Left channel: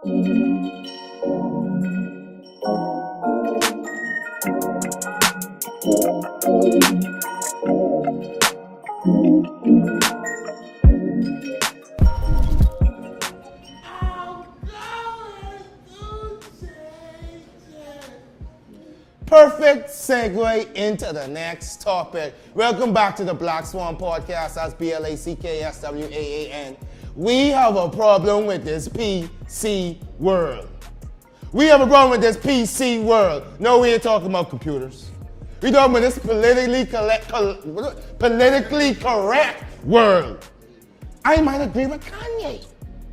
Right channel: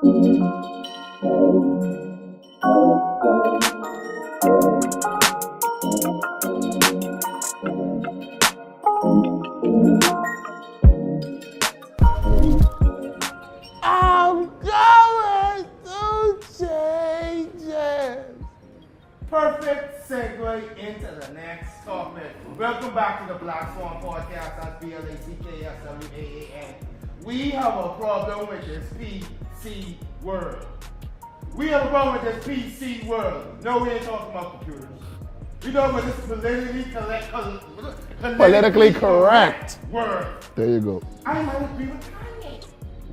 Perfect segue into the next topic. Welcome back to the Black Swaan podcast. That's BLACKSWAAN. We have a problem with this PC world. We have a problem with this PC world. No, we ain't talking about computers. We talking about this politically correct world. There you go. I might agree with Kanye.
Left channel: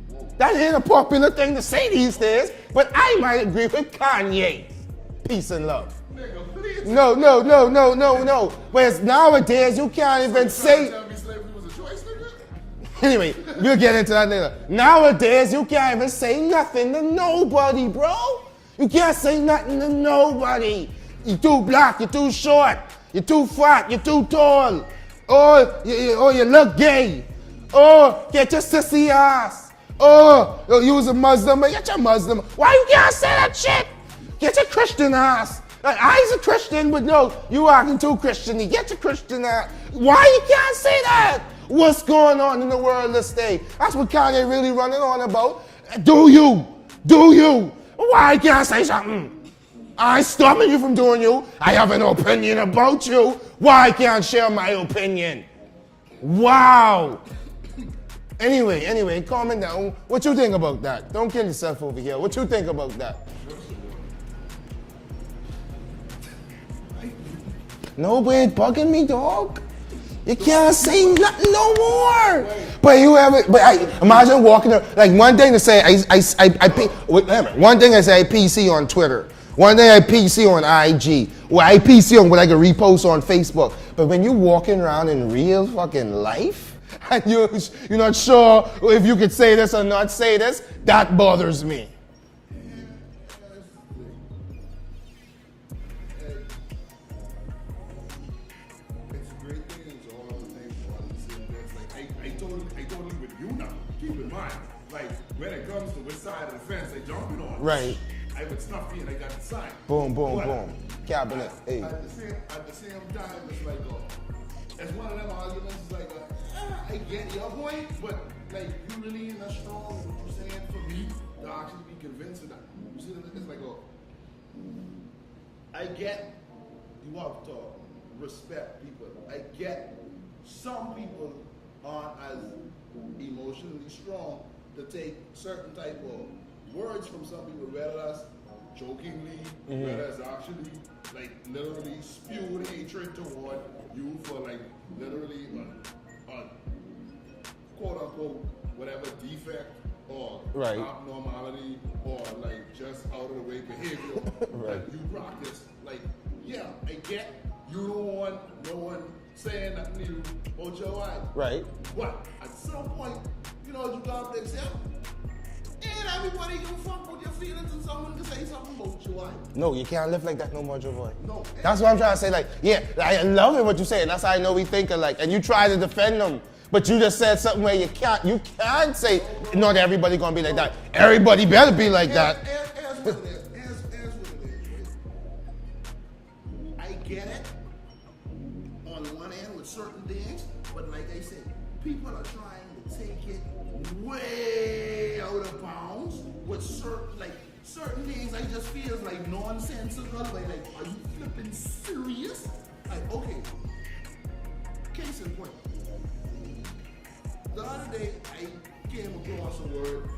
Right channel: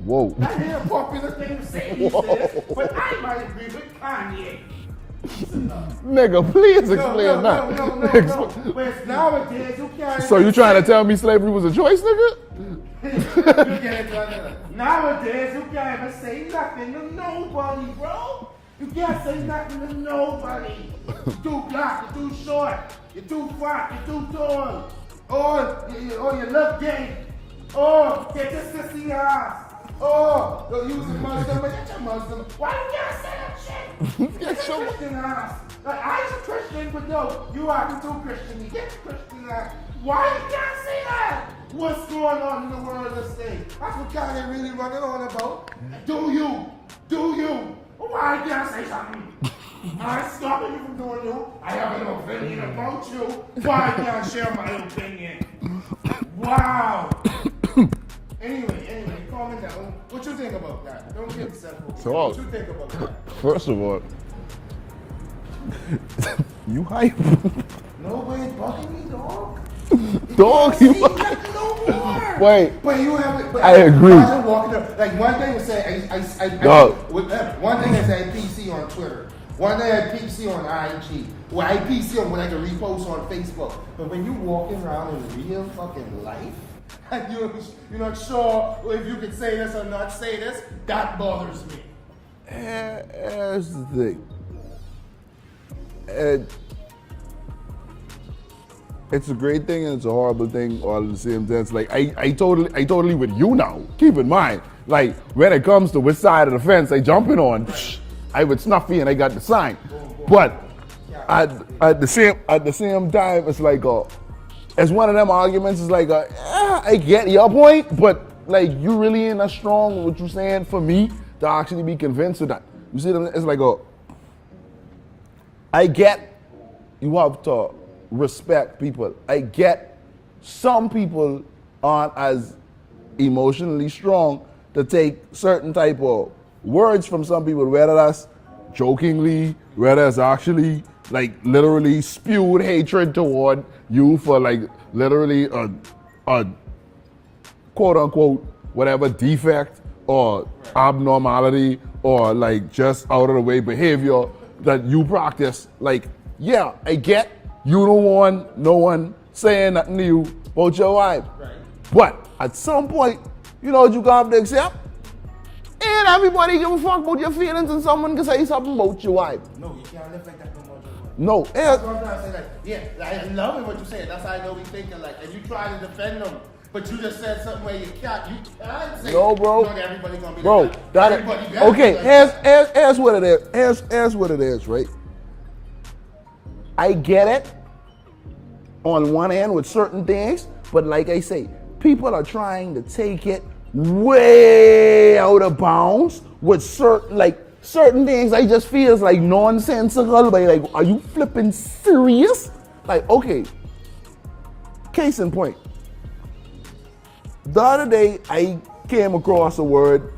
Whoa. That ain't a popular thing to say these days, but I might agree with Kanye. Peace and love. Nigga, please. No. Whereas nowadays you can't even So you trying to tell me slavery was a choice, nigga? Anyway, we'll get into that later. Nowadays you can't even say nothing to nobody, bro. You can't say nothing to nobody. You're too black, you're too short, you're too fat, you're too tall. Or you look gay. Or get your sissy ass. Oh, you was a Muslim, but get your Muslim. Why you can't say that shit? Get your Christian ass. Like, I's a Christian, but no, you acting too Christian-y. Get your Christian ass. Why you can't say that? What's going on in the world this day? That's what Kanye really running on about. Do you? Why can't I say something? I stopping you from doing you. I have an opinion about you. Why can't I share my opinion? Wow. Anyway, calm down. What you think about that? Don't kill yourself over here. What you think about that? First of all, you hype. No way, it's bugging me, dog. You can't say nothing no more. Wait. But you haven't. But I agree. Imagine walking there. Like one thing to say, one thing I say I PC on Twitter. One thing I PC on IG. Well, I PC on what I can repost on Facebook. But when you walking around in real fucking life, and you're not sure if you could say this or not say this, that bothers me. Here's the thing. It's a great thing and it's a horrible thing all at the same time. It's like I totally with you now. Keep in mind, like when it comes to which side of the fence I jumping on, right. I with Snuffy and I got the sign. Boom, but boom. At the same time, it's like it's one of them arguments. It's like I get your point, but like you really ain't that strong what you saying for me to actually be convinced of that. You see, it's like I get you have to respect people. I get some people aren't as emotionally strong to take certain type of words from some people, whether that's jokingly, whether it's actually like literally spewed hatred toward you for like literally a quote unquote whatever defect or abnormality or like just out of the way behavior that you practice. Like, yeah, I get you don't want no one saying nothing to you about your wife. Right. But at some point, you know what you got to accept? And everybody give a fuck about your feelings and someone can say something about your wife. No, you can't live like that no more, Joe Boy. No. That's what I'm trying to say. Like, yeah, I love it what you say, and that's how I know we think alike. And you try to defend them, but you just said something where you can't say, no, bro. Not everybody gonna be like that. Everybody better be like that. Here's what it is. Here's what it is, right? I get it on one hand with certain things, but like I say, people are trying to take it way out of bounds with certain things. I just feels like nonsensical. Like, are you flipping serious? Like, okay. Case in point. The other day, I came across a word,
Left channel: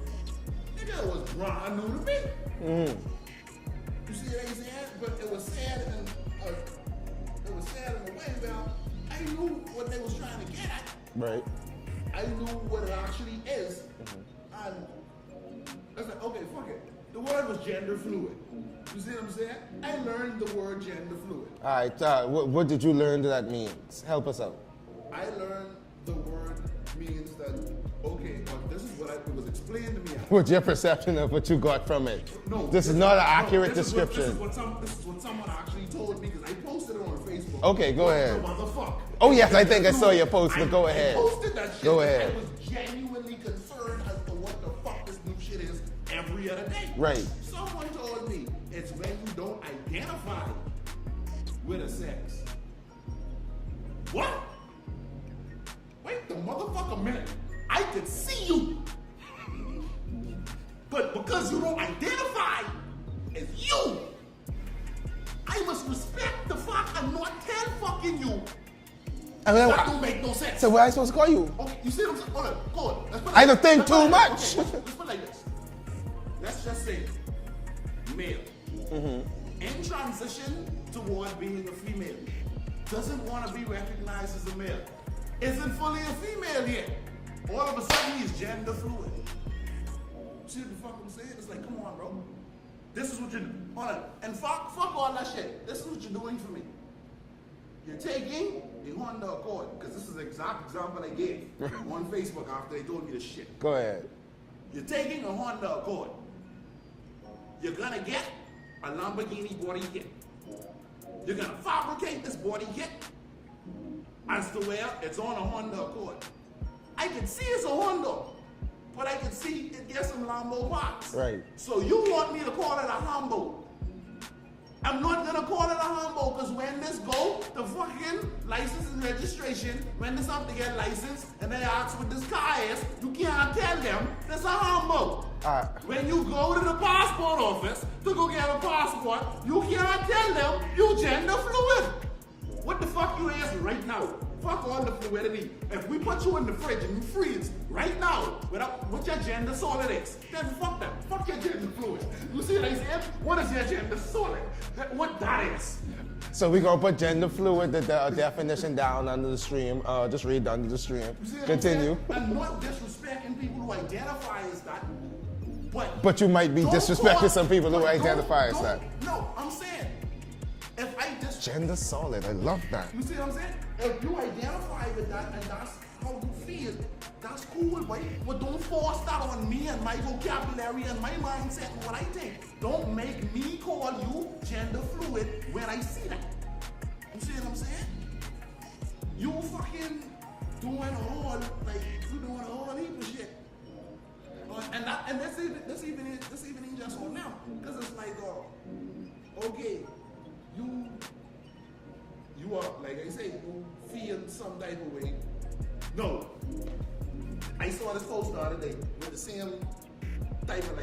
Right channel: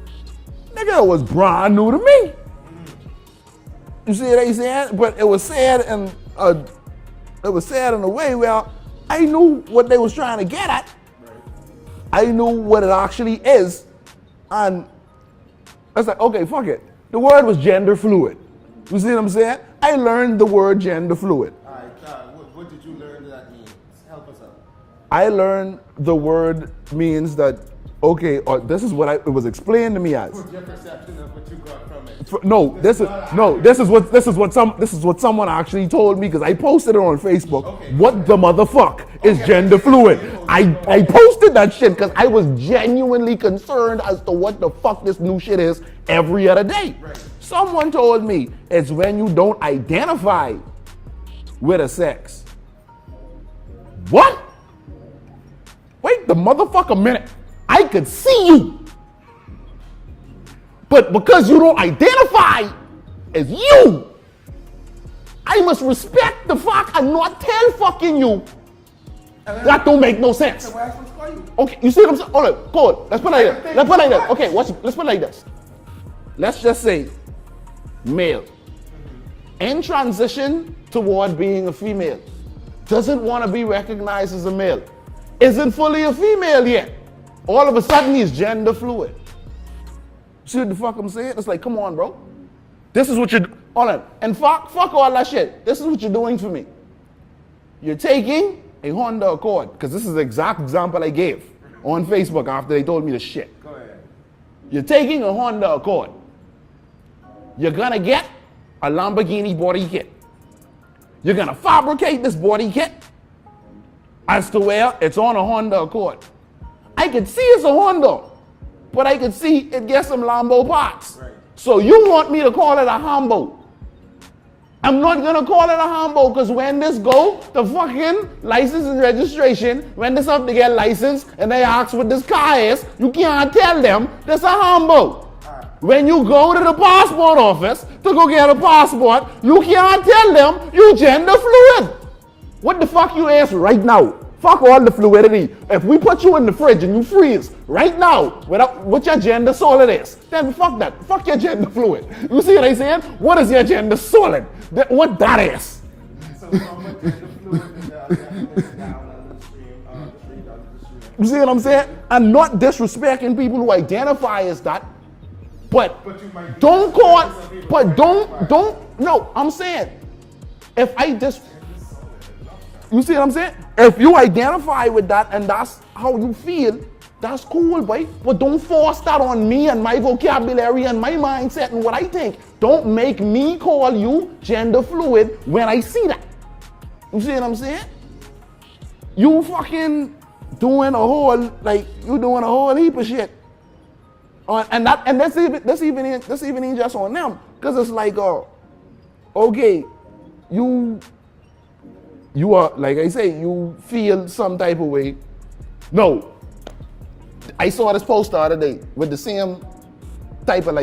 nigga, it was brand new to me. You see what I'm saying? But it was said in a way where I knew what they was trying to get at. Right. I knew what it actually is, and I was like, okay, fuck it. The word was gender fluid. You see what I'm saying? I learned the word gender fluid. All right, what did you learn that means? Help us out. I learned the word means that, okay, or this is what it was explained to me as. What's your perception of what you got from it? This is what someone actually told me because I posted it on Facebook. Okay, go what ahead. the motherfuck is yes, gender I think I saw fluid? your post. I Go ahead. posted that shit Go because ahead. I was genuinely concerned as to what the fuck this new shit is every other day. Right. Someone told me it's when you don't identify with a sex. What? Wait the motherfucker minute. I could see you. But because you don't identify as you, I must respect the fuck and not tell fucking you. That don't make no sense. So what am I supposed to call you? Okay, you see what I'm saying? Hold on, go on. Let's put it I like don't this. think Let's put it too like this. much. Okay, let's put it like this. Let's just say male. In transition toward being a female. Doesn't want to be recognized as a male. Isn't fully a female yet. All of a sudden he's gender fluid. See what the fuck I'm saying? It's like, come on, bro. This is what you're, hold on. And fuck all that shit. This is what you're doing for me. You're taking a Honda Accord, because this is the exact example I gave on Facebook after they told me the shit. Go ahead. You're taking a Honda Accord. You're gonna get a Lamborghini body kit. You're gonna fabricate this body kit as to where it's on a Honda Accord. I could see it's a Honda, but I could see it gets some Lambo parts. Right. So you want me to call it a Hambo. I'm not gonna call it a Hambo because when this go, the fucking license and registration, when this up to get licensed and they ask what this car is, you can't tell them that's a Hambo. When you go to the passport office to go get a passport, you can't tell them you gender fluid. What the fuck you ask right now? Fuck all the fluidity. If we put you in the fridge and you freeze right now without what your gender solid is, then fuck that. Fuck your gender fluid. You see what I'm saying? What is your gender solid? What that is? So we're gonna put gender fluid, the definition down under the stream. Just read under the stream. You see what I'm saying? Continue. I'm not disrespecting people who identify as that, but you might be don't call disrespecting some people who but identify as don't that. no, I'm saying if I just Gender solid, I love that. you see what I'm saying? If you identify with that and that's how you feel, that's cool, boy. But don't force that on me and my vocabulary and my mindset and what I think. Don't make me call you gender fluid when I see that. You see what I'm saying? You fucking doing a whole heap of shit. And that's even in just on them. Cause it's like, okay, you are, like I say, you feel some type of way. No. I saw this post the other day with the same type of,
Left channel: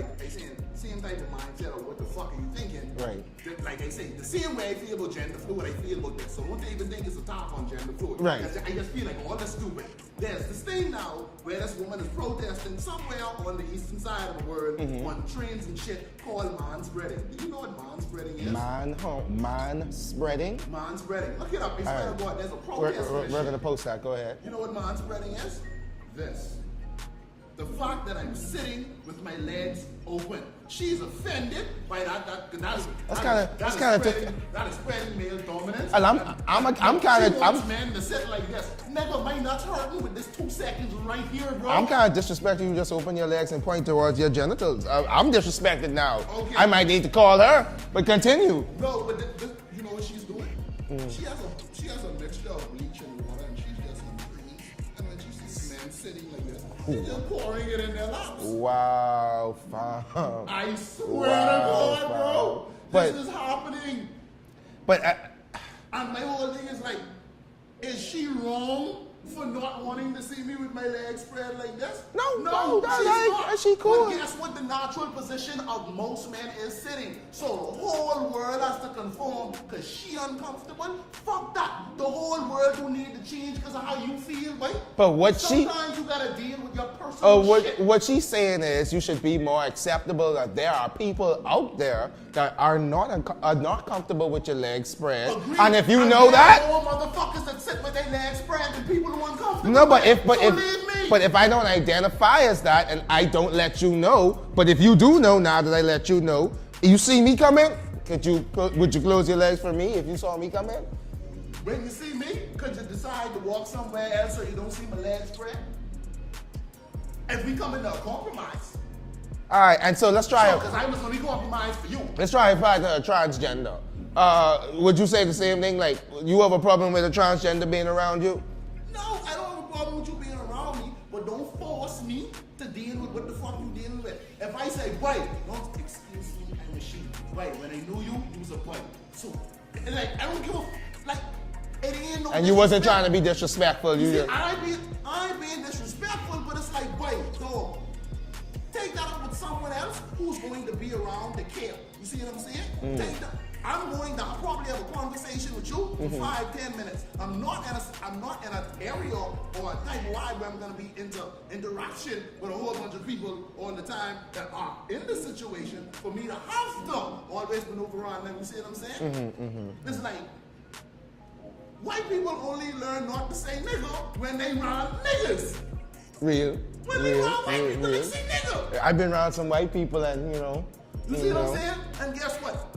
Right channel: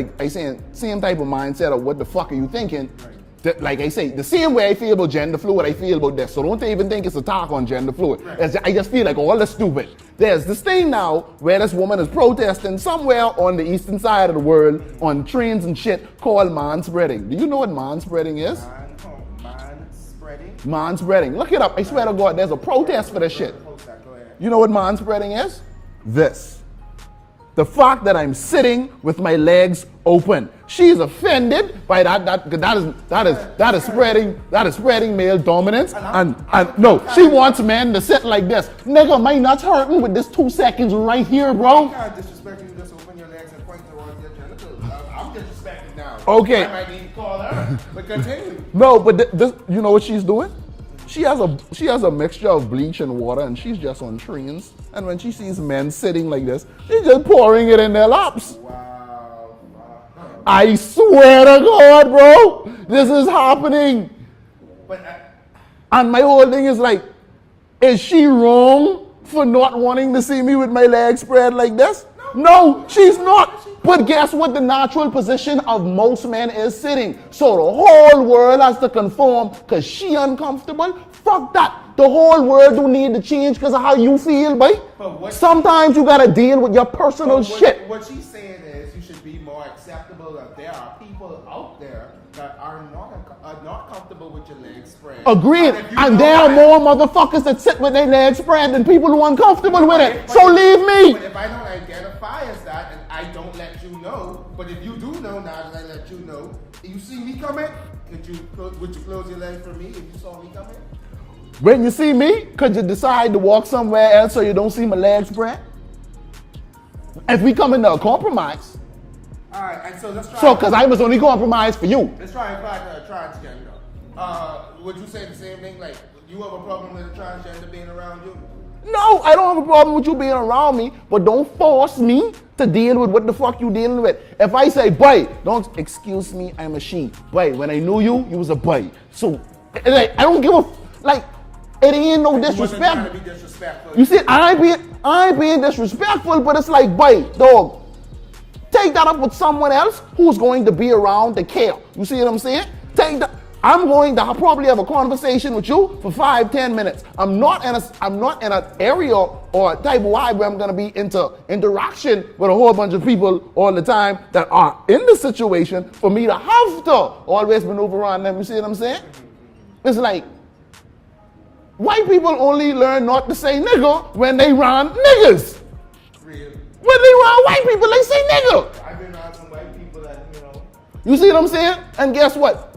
same type of mindset of what the fuck are you thinking? Right. Like I say, the same way I feel about gender fluid, I feel about this. So don't even think it's a talk on gender fluid. Right. I just feel like all the stupid. There's this thing now where this woman is protesting somewhere on the eastern side of the world on trains and shit called manspreading. Do you know what manspreading is? Man-spreading? Manspreading. Look it up. I swear to God, there's a protest for this We're shit. gonna post that. Go ahead. You know what manspreading is? This. The fact that I'm sitting with my legs open. She's offended by that is spreading male dominance. She wants men to sit like this. Nigga, my nuts hurting with this 2 seconds right here, bro. I'm kind of disrespecting you. Just open your legs and point towards your genitals. I'm disrespected now. Okay. I might need to call her, but continue. No, but you know what she's doing? She has a mixture of bleach and water, and she's just on trains. And when she sees men sitting like this, she's just pouring it in their laps. Wow, fam. I swear to God, bro, this is happening. But And my whole thing is like, is she wrong for not wanting to see me with my legs spread like this? No, she's not. She cool. But guess what the natural position of most men is sitting? So the whole world has to conform because she uncomfortable? Fuck that. The whole world don't need to change because of how you feel, boy. But sometimes you gotta deal with your personal shit. What she's saying is you should be more acceptable that there are people out there that are not comfortable with your legs spread. Agreed. And if you and know there that, are more motherfuckers that sit with their legs spread than people who are uncomfortable No, with but it. if- but So if- leave me. But if I don't identify as that and I don't let you know, but if you do know now that I let you know, you see me come in, would you close your legs for me if you saw me come in? When you see me, could you decide to walk somewhere else so you don't see my legs spread? If we come into a compromise. All right, and so let's try. So, because I was only compromised for you. Let's try if I a transgender. Would you say the same thing? Like, you have a problem with a transgender being around you? No, I don't have a problem with you being around me, but don't force me to deal with what the fuck you dealing with. If I say, boy, don't excuse me, I'm a she. Boy, when I knew you, you was a boy. So, like, I don't give a, like, it ain't no disrespect. You wasn't trying to be disrespectful. You see, I ain't being disrespectful, but it's like, boy, dog, take that up with someone else who's going to be around to care. You see what I'm saying? Take that. I'm going to probably have a conversation with you for 5-10 minutes. I'm not in an area or type of vibe where I'm gonna be into interaction with a whole bunch of people all the time that are in the situation for me to have to always maneuver around them. You see what I'm saying? It's like white people only learn not to say nigga when they around niggas. Real. When they around white people, they say nigga. I've been around some white people and, you know. You see what I'm saying? And guess what?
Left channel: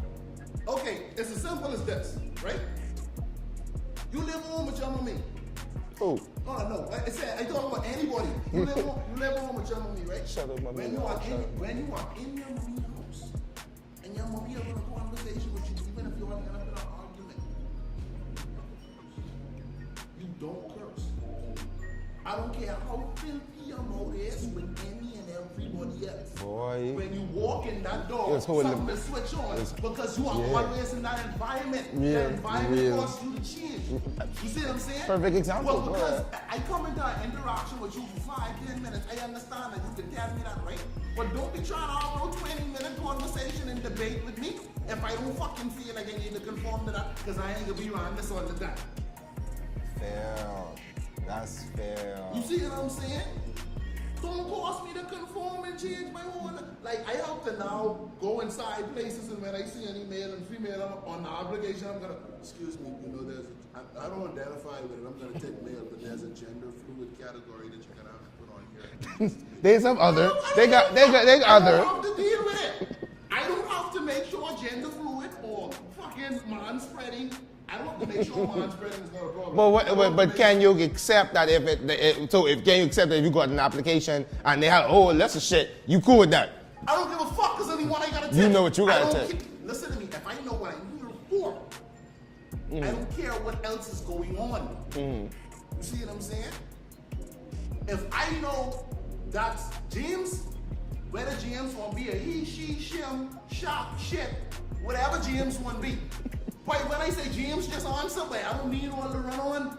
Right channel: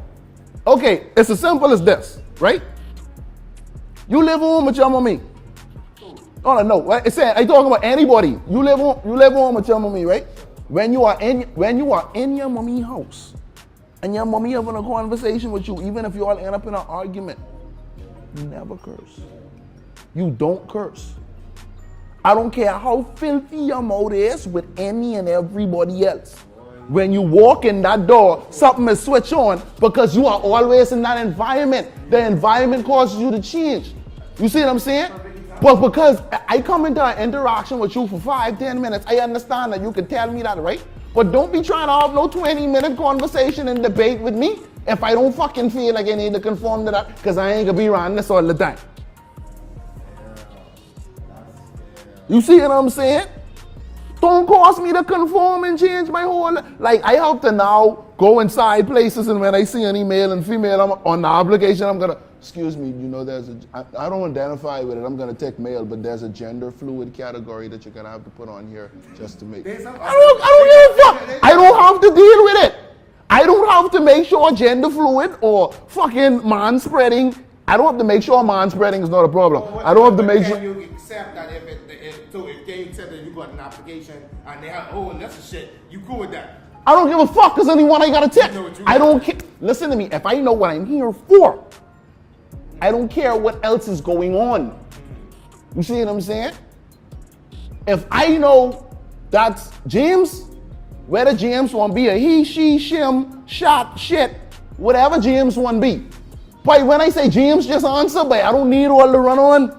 Okay, it's as simple as this, right? You live home with your mommy. Who? Oh no, it's saying I talking about anybody. You live home with your mommy, right? When you are in your mommy house, and your mommy having a conversation with you, even if you all end up in an argument, you never curse. You don't curse. I don't care how filthy your mouth is with any and everybody else. When you walk in that door, something is switched on because you are always in that environment. Yeah. The environment causes you to change. You see what I'm saying? Perfect example. But because I come into an interaction with you for 5-10 minutes, I understand that you can tell me that, right? But don't be trying to have no 20-minute conversation and debate with me if I don't fucking feel like I need to conform to that, because I ain't gonna be around this all the time. Fair. That's fair. You see what I'm saying? Don't cause me to conform and change my whole, like I have to now go inside places, and when I see any male and female, I'm on the obligation, I'm gonna, excuse me, you know, I don't identify with it, I'm gonna take male, but there's a gender fluid category that you're gonna have to put on here just to make. I don't have to deal with it. I don't have to make sure gender fluid or fucking man-spreading. I don't have to make sure man-spreading is not a problem. Well, I don't have to make can you accept that if can you accept that if you got an application and they have a whole list of shit, you cool with that? I don't give a fuck because anyone I gotta take. You know what you I don't care. Listen to me. If I know what I'm here for, I don't care what else is going on. You see what I'm saying? If I know that's James, whether James want to be a he, she, shim, shot, shit, whatever James want to be. But when I say James, just answer, but I don't need all the run on.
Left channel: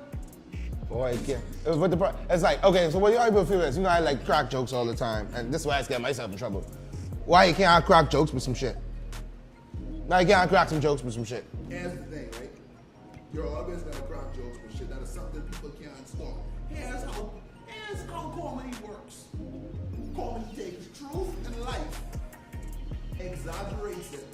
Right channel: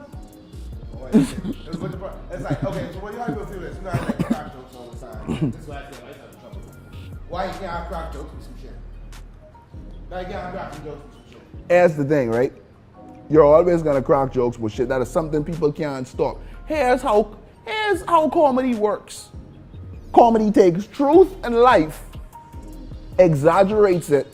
Boy, it's like, okay, so what do you people feel is, you know, I like crack jokes all the time, and this is why I get myself in trouble. Why you can't crack jokes with some shit? Now you can't crack some jokes with some shit. Here's the thing, right? You're always gonna crack jokes with shit. That is something people can't stop. Here's how comedy works. Comedy takes truth and life, exaggerates it,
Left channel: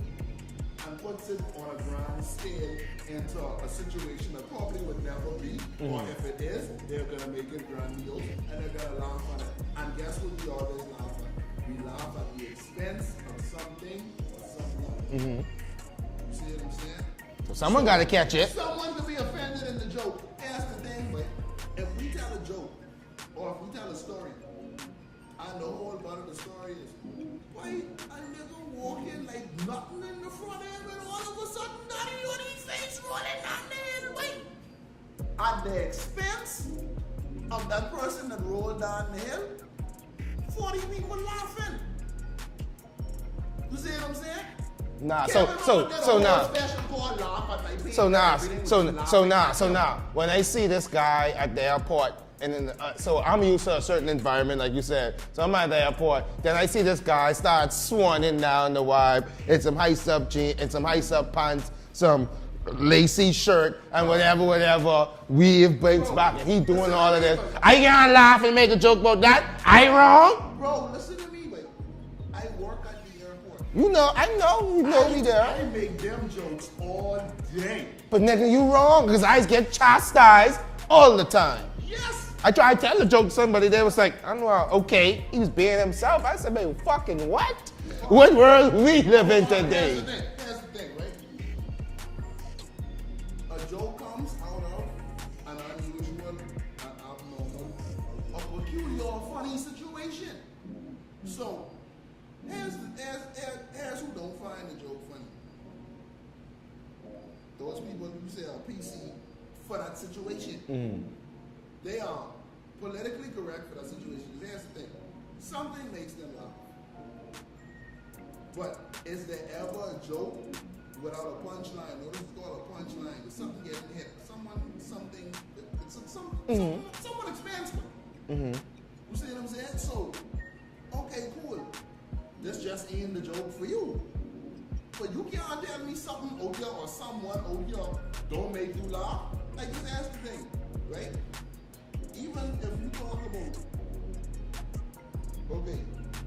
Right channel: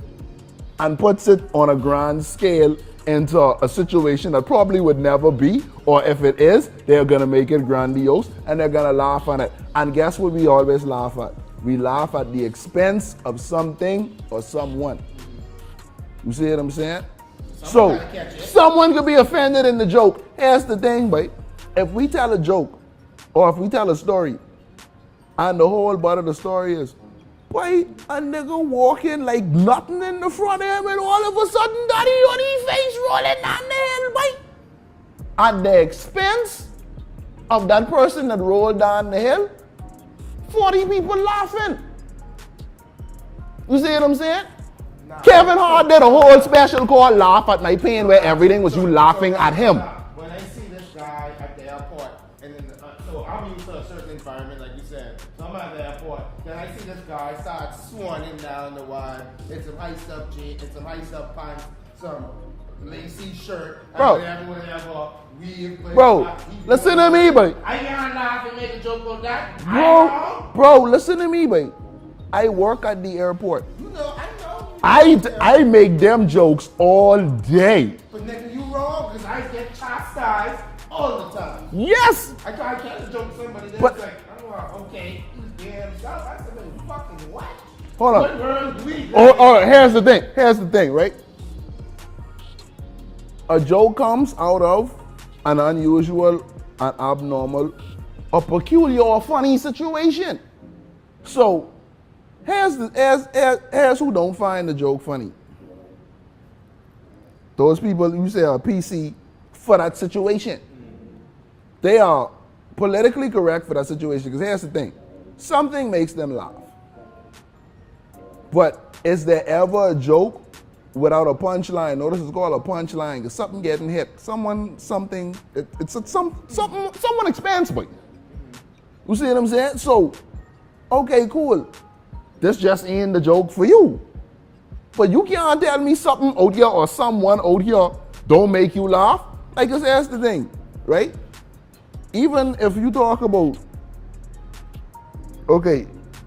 and puts it on a grand scale into a situation that probably would never be, or if it is, they're gonna make it grandiose and they're gonna laugh on it. And guess what we always laugh at? We laugh at the expense of something or someone. You see what I'm saying? Someone gotta catch it. Someone could be offended in the joke. Here's the thing, but if we tell a joke or if we tell a story and the whole part of the story is, why a nigga walking like nothing in the front of him and all of a sudden daddy on his face rolling down the hill, boy. At the expense of that person that rolled down the hill, 40 people laughing. You see what I'm saying? Nah, Kevin Hart did a whole special called Laugh at My Pain where everything was you laughing at him. When I see this guy at the airport, and then, so I'm used to a certain environment, like you said. So I'm at the airport, then I see this guy start swanning down the vibe in some high-up jeans, in some high-up pants, some lacy shirt, and whatever, weave, breaks back. Listen to me, boy. I can't laugh and make a joke about that. I ain't wrong. Bro, listen to me, boy. I work at the airport. You know, I know. I make them jokes all day. But nigga, you wrong, because I get chastised all the time. Yes! I tried to tell a joke to somebody, they was like, I don't know, okay, he was being himself. I said, man, fucking what? What world we live in? Here's the thing, right? A joke comes out of an unusual, an abnormal, a peculiar or funny situation. So here's who don't find the joke funny. Those people you say are PC for that situation. They are politically correct for that situation. Because here's the thing. Something makes them laugh. But is there ever a joke without a punchline? Notice it's called a punchline because something getting hit. Someone expands by. You see what I'm saying? So, okay, cool. This just ain't the joke for you. But you can't tell me something out here or someone out here don't make you laugh. Like, just ask the thing, right? Even if you talk about, okay,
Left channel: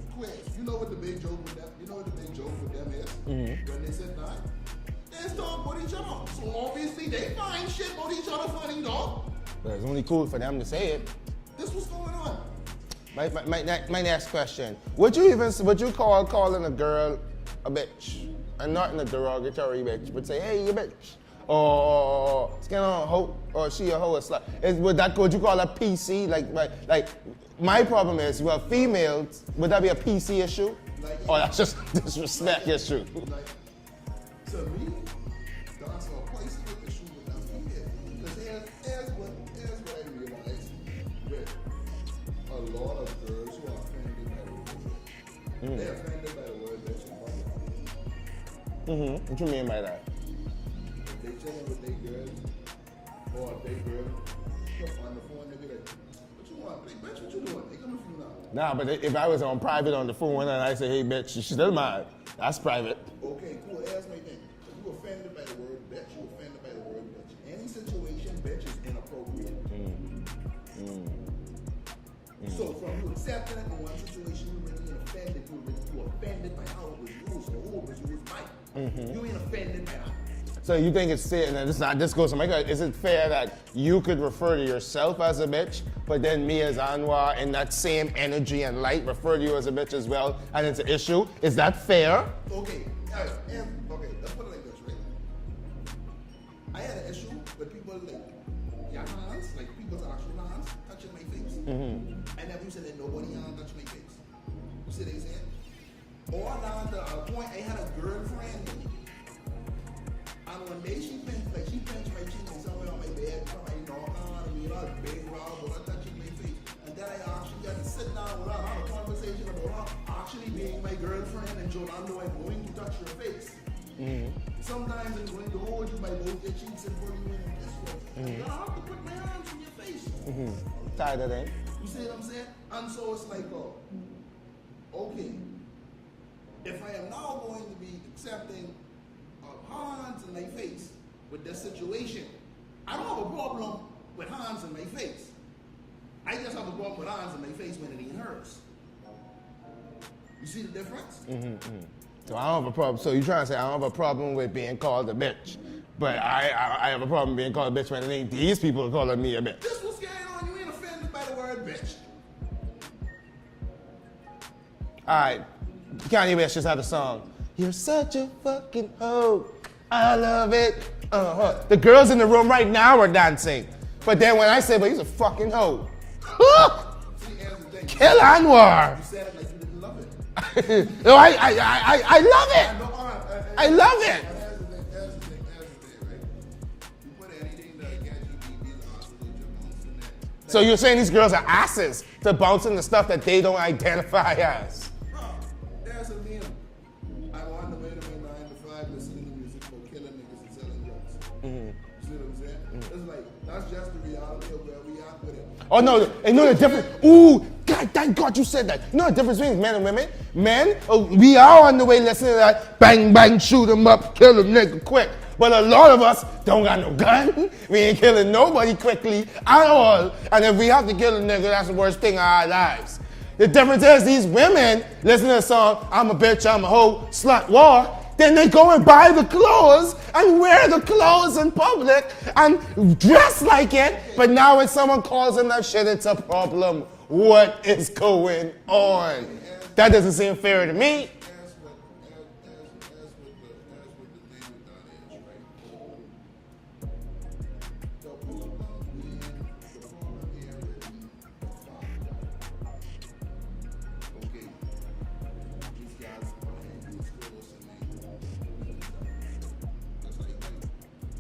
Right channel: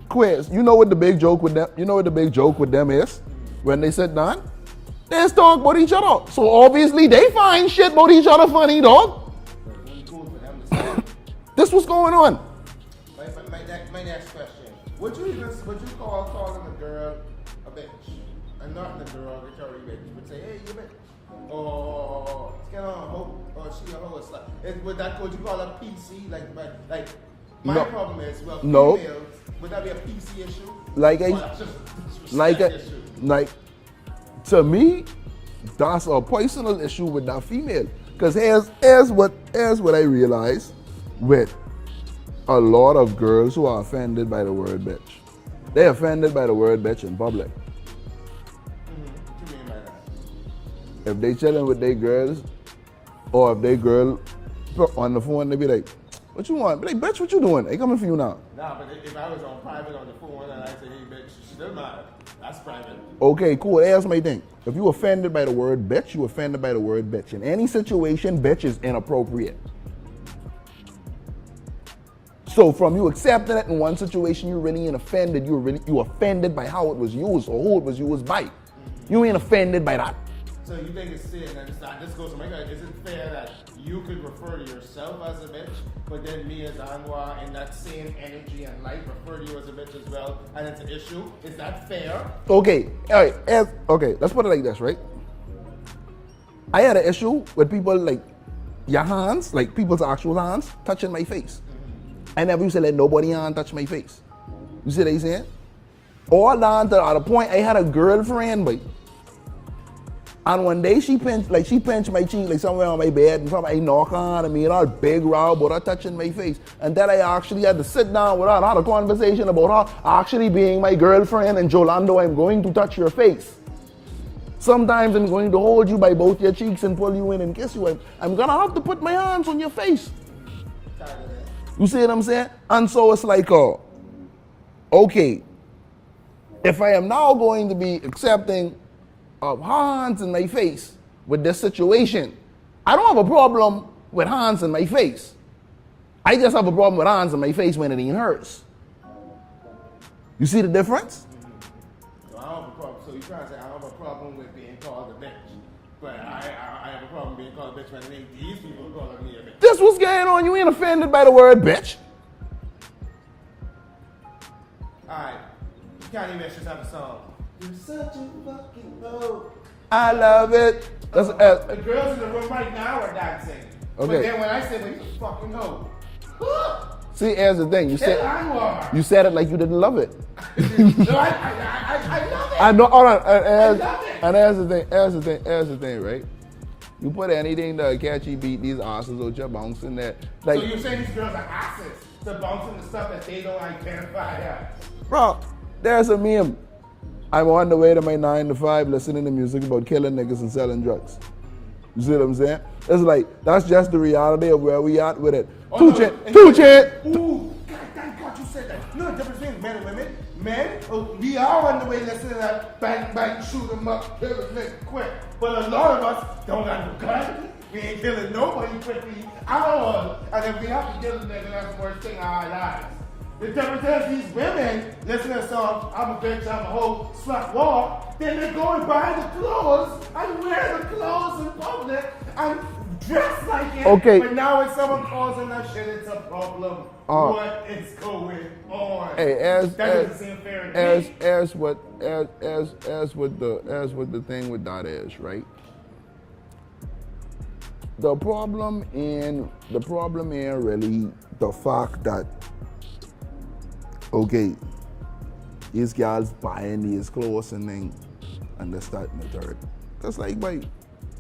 quiz, you know what the big joke with them, is? When they sit down? They just talk about each other. So obviously they find shit about each other funny, dog. It's only cool for them to say. This was going on. My next question. Would you call calling a girl a bitch? And not in a derogatory bitch, but say, hey, you bitch. Or skin on a hoe, or she a hoe, a slut. Would you call her PC? My No. problem is, well, No. females, would that be a PC issue? Like Or that's just disrespect like issue? To me, that's a personal issue with that female. Because here's what I realize with a lot of girls who are offended by the word bitch. They're offended by the word bitch in public. What you mean by that? If they chilling with their girls, or if they girl on the phone, they be like, what you want? Be like, bitch, what you doing? They coming for you now. Nah, but if I was on private on the phone and I say, hey, bitch, she's still mine. That's private. Okay, cool. Here's my thing. If you offended by the word bitch, you offended by the word bitch. In any situation, bitch is inappropriate. So from you accepting it in one situation, you really ain't offended. You offended by how it was used or who it was used by. You ain't offended by that. So you think it's fair, and this goes to my question, is it fair that you could refer to yourself as a bitch, but then me as Anwar in that same energy and light refer to you as a bitch as well, and it's an issue? Is that fair? Okay, all right, okay, let's put it like this, right? I had an issue with people like your hands, like people's actual hands, touching my face. I never used to let nobody hand touch my face. You see what I'm saying? All down to the point I had a girlfriend, but and one day she pinched my cheek like somewhere on my bed and somebody knocked on and me and all big row about her touching my face. And then I actually had to sit down with her and have a conversation about her actually being my girlfriend and Jolando, I'm going to touch your face. Sometimes I'm going to hold you by both your cheeks and pull you in and kiss you. I'm gonna have to put my hands on your face. Tired of that. You see what I'm saying? And so it's like, okay, if I am now going to be accepting of hands in my face with this situation, I don't have a problem with hands in my face. I just have a problem with hands in my face when it ain't hers. You see the difference? So I don't have a problem. So you're trying to say I don't have a problem with being called a bitch, but I have a problem being called a bitch when it ain't these people calling me a bitch. This what's going on. You ain't offended by the word bitch. All right, Kanye West just had a song. You're such a fucking hoe. I love it. The girls in the room right now are dancing. Okay. But then when I say, but he's a fucking hoe. See, here's the thing. Kill Anwar. You said it like you didn't love it. No, I love it. I know. All right. I love it. And here's the thing, right? You put anything to catchy beat, these asses out your bouncing there. Like, So you're saying these girls are asses to bouncing the stuff that they don't identify as? bro, there's a meme. I'm on the way to my 9 to 5 listening to music about killing niggas and selling drugs. You see what I'm saying? It's like, that's just the reality of where we at with it. Oh no, ooh, God, thank God you said that. You know the difference between men and women? Men, we are on the way listening to that bang, bang, shoot 'em up, kill a nigga quick. But a lot of us don't got no gun. We ain't killing nobody quickly at all. And if we have to kill a nigga, that's the worst thing of our lives. The difference is these women listen to the song, I'm a bitch, I'm a hoe, slut, war. Then they go and buy the clothes and wear the clothes in public and dress like it. Okay. But now when someone calls them that shit, it's a problem. What is going on? Hey, that doesn't seem fair to me. As what the thing with that is, right? The problem in really the fact that, okay, these guys buying these clothes and then and they start in the dirt. It's like, boy,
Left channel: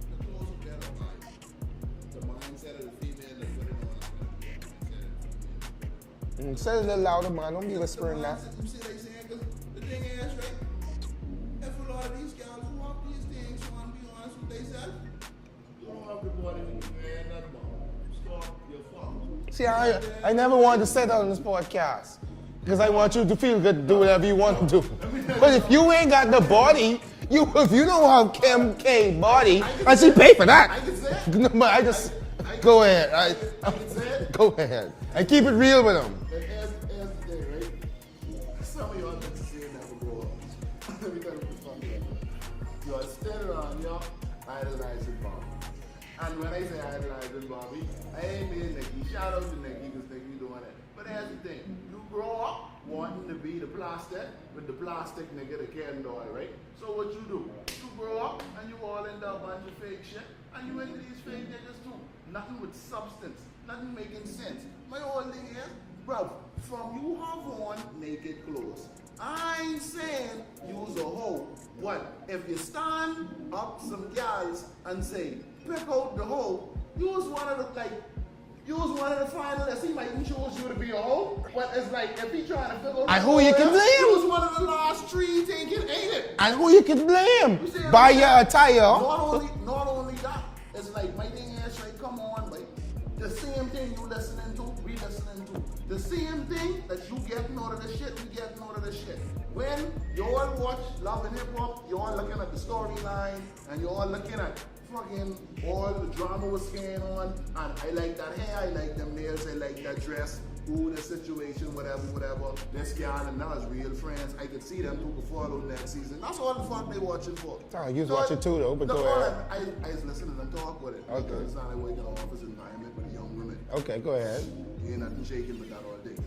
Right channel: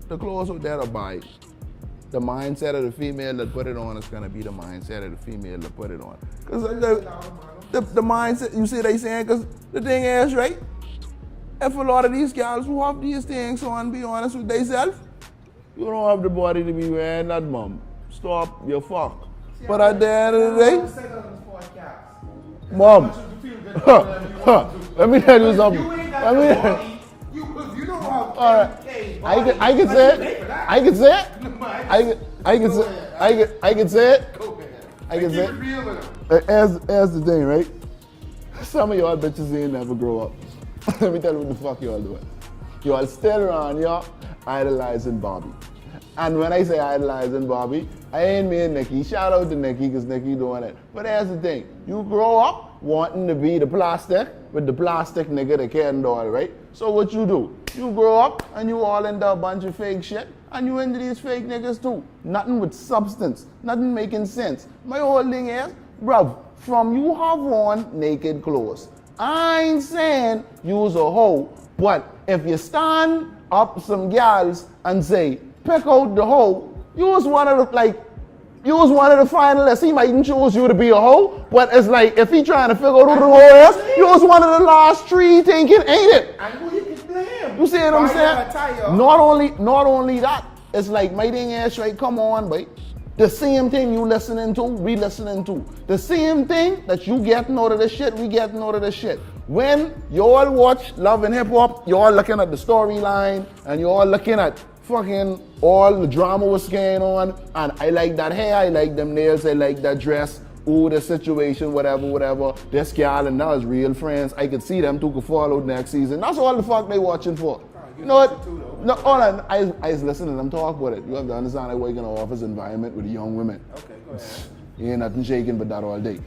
the clothes out there to buy. The mindset of the female that put it on is gonna be the mindset of the female that put it on. Because the mindset, you see they saying, because the thing is, right? If a lot of these guys who have these things on, be honest with themselves, you don't have the body to be wearing that, mom. Stop, you're fucked. See, I never wanted to say that on this podcast. Because I want you to feel good, do whatever you want to do. Let me tell you something. If you ain't got the body, if you don't have Kim K body, I can I say should it. pay for that. I can say it. No, but I can Go say ahead. it. I can say it. Go ahead. I And can keep say it real with them. As the thing, right? Some of y'all bitches ain't never grow up. Let me tell you what the fuck y'all doing. Y'all still around, y'all idolizing Bobby. And when I say idolizing Bobby, I ain't mean Nikki. Shout out to Nikki, because Nikki doing it. But that's the thing. You grow up wanting to be the plastic with the plastic nigga that can't do it, right? So what you do? You grow up and you all into a bunch of fake shit, and you into these fake niggas too. Nothing with substance, nothing making sense. My whole thing is, bruv, from you have on naked clothes. I ain't saying you's a hoe, but if you stand up some gals and say, pick out the hoe, you was one of the finalists. He mightn't choose you to be a hoe, but it's like if he trying to figure out who the hoe is, you was one of the last three thinking, ain't it? And who you can blame? You see what I'm saying? Attire. Not only that, it's like my thing is right, come on, boy. The same thing you listening to, we listening to. The same thing that you getting out of the shit, we getting out of the shit. When you all watch Love and Hip Hop, you all looking at the storyline and you all looking at fucking all the drama was going on, and I like that hair, I like them nails, I like that dress, ooh, the situation, whatever. This gal and us real friends. I could see them two could fall out next season. That's all the fuck they watching for. Oh, you watching too though. No, hold on. I was listening to them talk about it. You have to understand I work in an office environment with young women. Okay, go ahead. You ain't nothing shaking but that all day.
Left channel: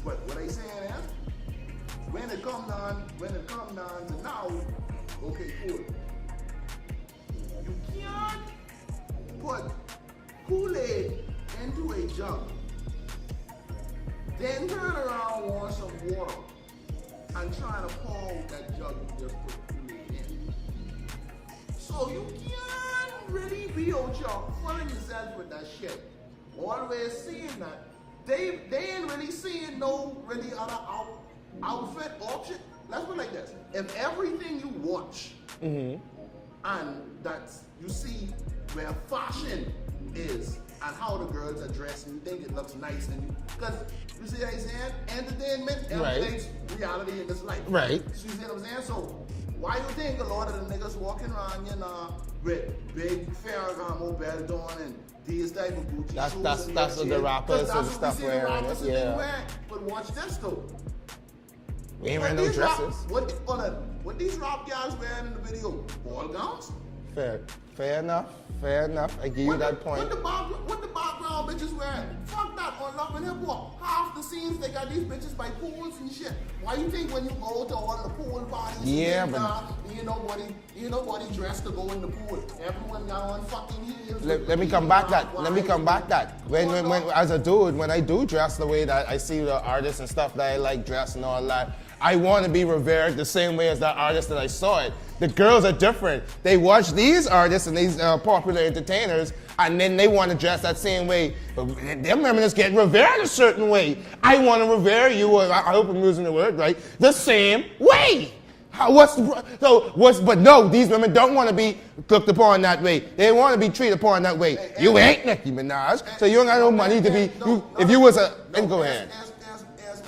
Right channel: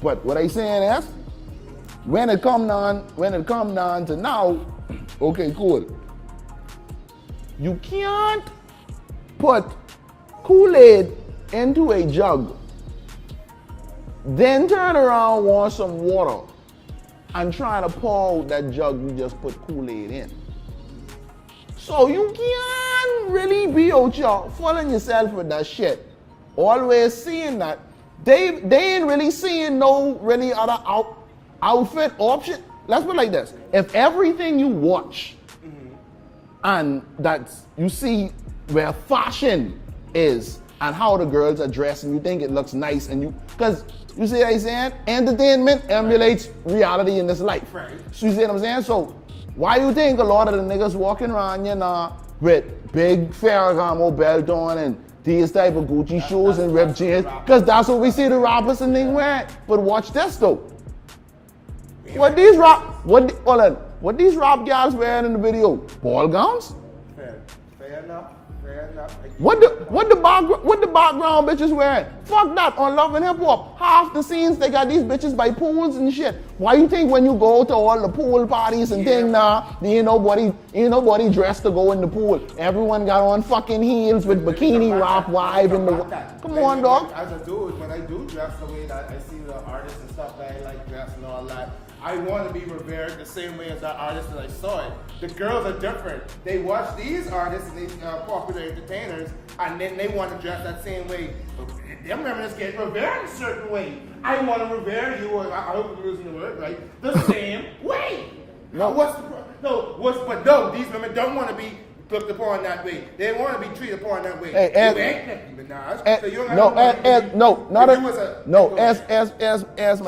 But what I saying is, when it come down to now, okay, cool. You can't put Kool-Aid into a jug, then turn around, want some water, and try to pour out that jug you just put Kool-Aid in. So you can't really be out here fooling yourself with that shit. Always seeing that. They ain't really seeing no really other outfit option. Let's put it like this. If everything you watch, and that you see where fashion is and how the girls are dressed and you think it looks nice and you, because you see what I'm saying? Entertainment emulates reality in this life. Right. So you see what I'm saying? So why you think a lot of the niggas walking around, you know, with big Ferragamo belt on and these type of Gucci shoes and ripped jeans? Because that's what we see the rappers and things wearing. But watch this though. What these rap gals wearing in the video? Ball gowns? Fair enough. What the background bitches wearing? Fuck that. On Love and Hip Hop, half the scenes they got these bitches by pools and shit. Why you think when you go to all the pool parties and things ain't nobody dressed to go in the pool? Everyone got on fucking heels with bikini rock wives. Come on, dog. As a dude, when I do dress the way that I see the artists and stuff that I like dress and all that, I want to be revered the same way as that artist that I saw it. The girls are different. They watch these artists and these popular entertainers, and then they want to dress that same way. But them women just get revered a certain way. I want to revere you, I hope I'm using the word right, the same way. But no, these women don't want to be looked upon that way. They want to be treated upon that way. You ain't Nicki Minaj, so you ain't got no money to be. Ask my you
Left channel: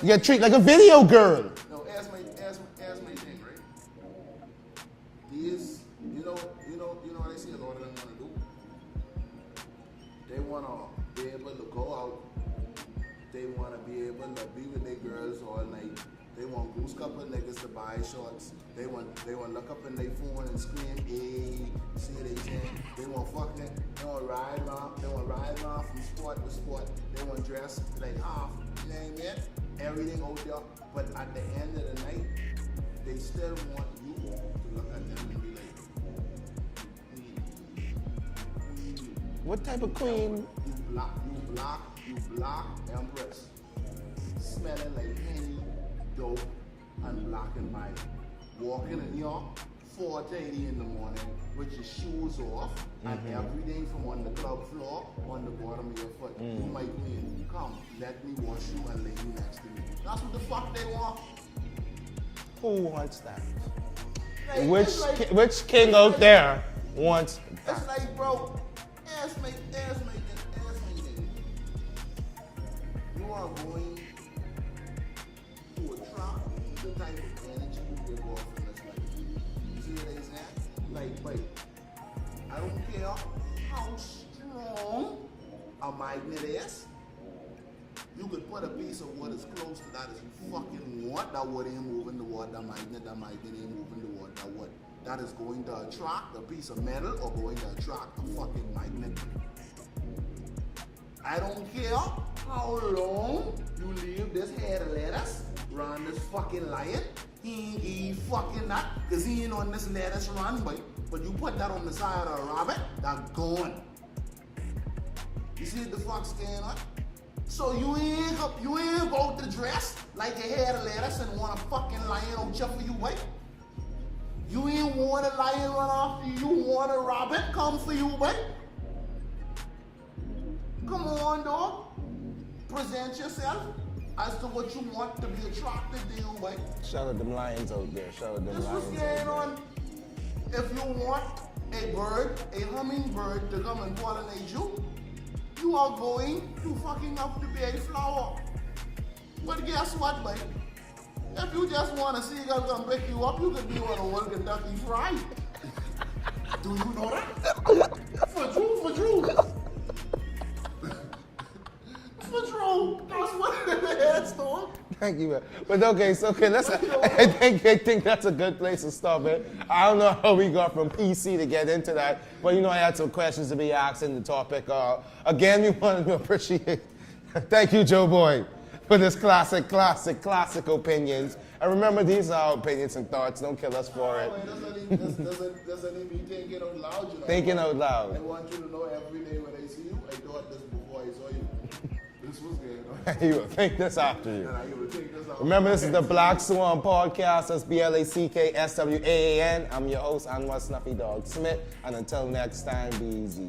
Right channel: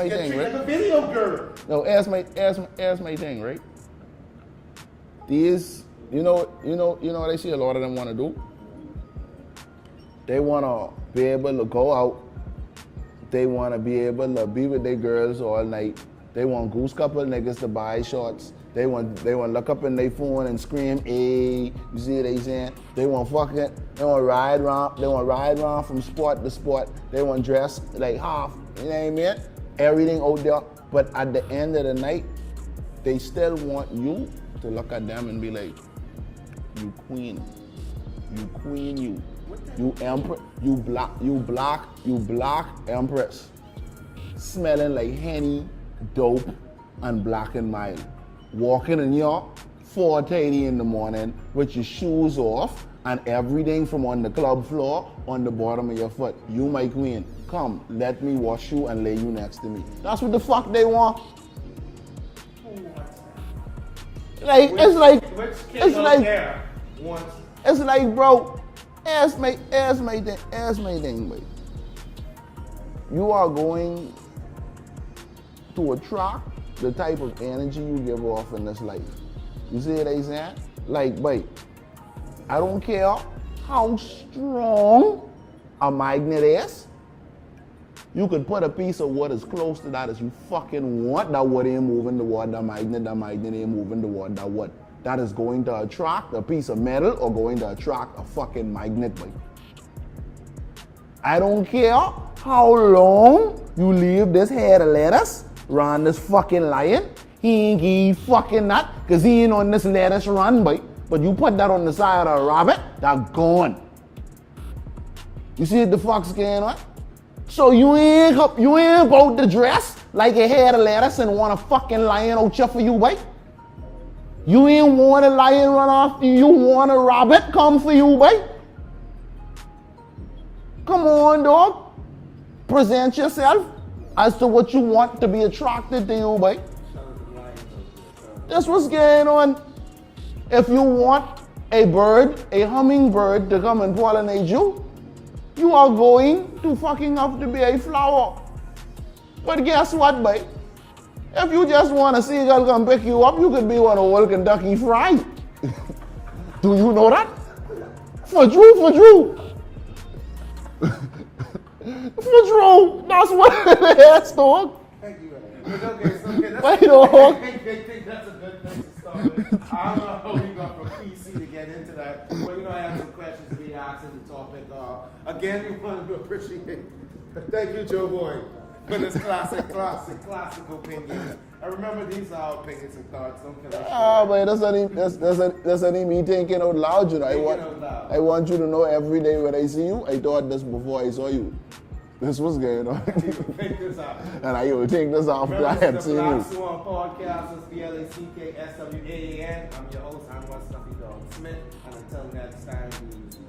get thing, treated right? like a video girl. No, ask my thing, right? These, you know what I see a lot of them want to do? They want to be able to go out. They want to be able to be with their girls all night. They want goose couple niggas to buy shorts. They want look up in their phone and scream, "Hey!" You see what they saying? They want ride around from spot to spot. They want dress like half. You know what I mean? Everything out there. But at the end of the night, they still want you to look at them and be like, "You queen, You queen, you. What type You of queen? empress. You black empress. Smelling like Henny, dope, and black and mild. Walking in here 4:30 in the morning with your shoes off and everything from on the club floor on the bottom of your foot. You my queen. Come, let me wash you and lay you next to me. That's what the fuck they want. Who wants that? Like Which king it's out like- there wants? It's like, bro, ask my thing, boy. You are going to attract the type of energy you give off in this life. You see what I'm saying? Like, boy, I don't care how strong a magnet is. You could put a piece of wood as close to that as you fucking want. That wood ain't moving toward the magnet ain't moving toward that wood. That is going to attract a piece of metal or going to attract a fucking magnet. I don't care how long you leave this head of lettuce around this fucking lion. He ain't give fucking that because he ain't on this lettuce run, boy. But you put that on the side of a rabbit, that's gone. You see what the fuck's going on? So you ain't about to dress like a head of lettuce and want a fucking lion out here for you, boy. You ain't want a lion run after you. You want a rabbit come for you, boy. Come on, dog. Present yourself as to what you want to be attracted to you, boy. Shout out them lions out there. Shout out them. That's what's going on. If you want a bird, a hummingbird to come and pollinate you, you are going to fucking have to be a flower. But guess what, boy? If you just want a seagull come pick you up, you could be one old Kentucky Fried. Do you know that? For true. For true. That's what it is, dog. Thank you, man. But okay, so let's. Wait, dog. I think that's a good place to stop it. I don't know how we got from EC to get into that, but you know I had some questions to be asked in the topic. Again, we wanted to appreciate. Thank you, Joe Boy, for this classic opinions. And remember, these are our opinions and thoughts. Don't kill us Oh, for it. man, that's only me thinking out loud, you know. Thinking out loud. I want you to know every day when I see you, I thought this before I saw you. This was going on. You would think this after. And I would think this after. Remember, this I is the had Black seen Swaan podcast. It's BLACKSWAAN. I'm your host, Anwar Snuffy Dog Smith. And until next time, be easy.